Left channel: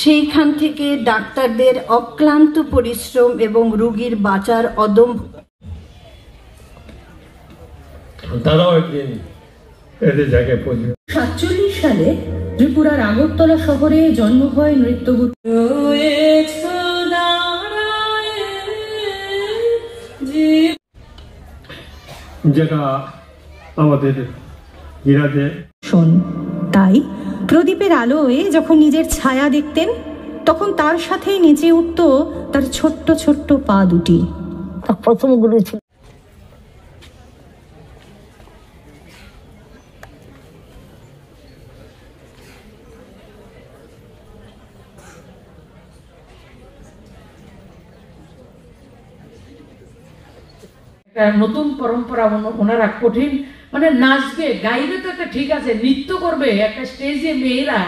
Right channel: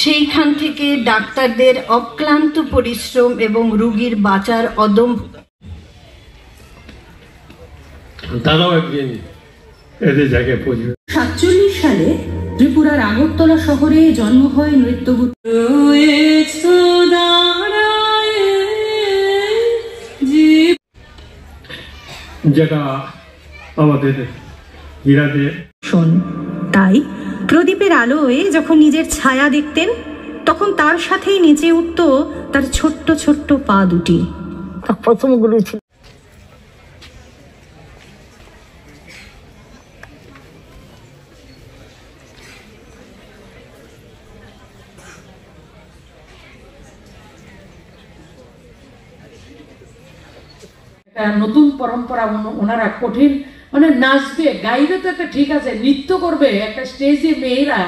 সেইখান থেকে ডাক্তারদের অক্লান্ত পরিশ্রম এবং রোগীর বাঁচার অদম্য তারাও একদিন এদের জায়গায় পৌঁছবে। 47 সালে ত্রিপুরার আগরতলা শহরে জন্ম হয় নৃত্যগুরু যেটা আমাদের হীরাতে। তাই প্রদীপের আলোয় যখন নিজের ছায়া দেখতেন তখন তার সাথেই নেচে উঠত তার ছোট্ট ছোট্ট পা দুটি। প্রথমগুলো ছিল নতুন পরম্পরা ওনারা কঠিন মানে নাচবে গাইবে তো একটা ঠিক আছে, নৃত্য করবে একটা স্টেজে মেয়েরা,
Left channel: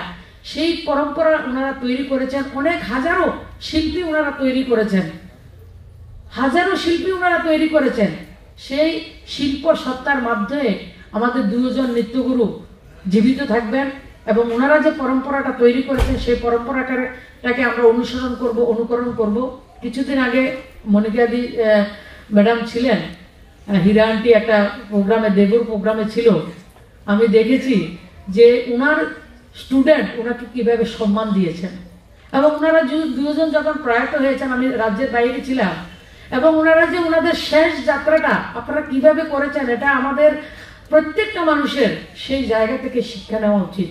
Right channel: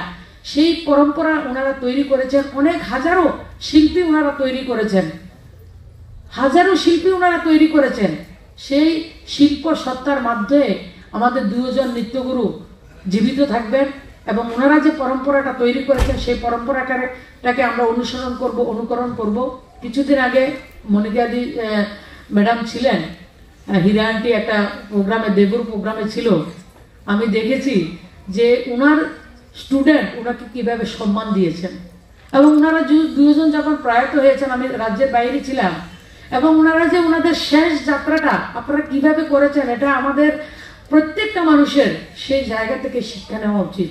সেই পরম্পরা ওনারা তৈরি করেছেন। অনেক হাজারো শিল্পী ওনারা তৈরি করেছেন, হাজারো শিল্পী ওনারা তৈরি করেছেন। সেই শিল্প সত্তার মাধ্যমে আমাদের দুজন নৃত্যগুরু জীবিত থাকবেন এবং ওনারা যে পরম্পরাটা তৈরি করেছেন সেই পরম্পরাটাকে আমরা অনুসরণ করব, অনুকরণ করব। কিছুদিন আগে মনিকাদি ম্যাডাম ছিলেন, হীরা আন্টি একটা প্রোগ্রামে, দেবুর প্রোগ্রামে ছিল। আমি দেখেছি যে ওনার স্টুডেন্ট ওনাকে কিভাবে সম্মান দিয়েছেন এবং ওনারা দুজন যখন প্রয়াত হয়েছেন, আমি রাজ্যের বাইরে ছিলাম, এবং ওনারা যে ওনাদের শেষ যাত্রাটা আপনারা কিভাবে করেছেন, এটা আমাদের প্রত্যেকটা মানুষের সেই জায়গা থেকে শিক্ষা নেওয়া উচিত।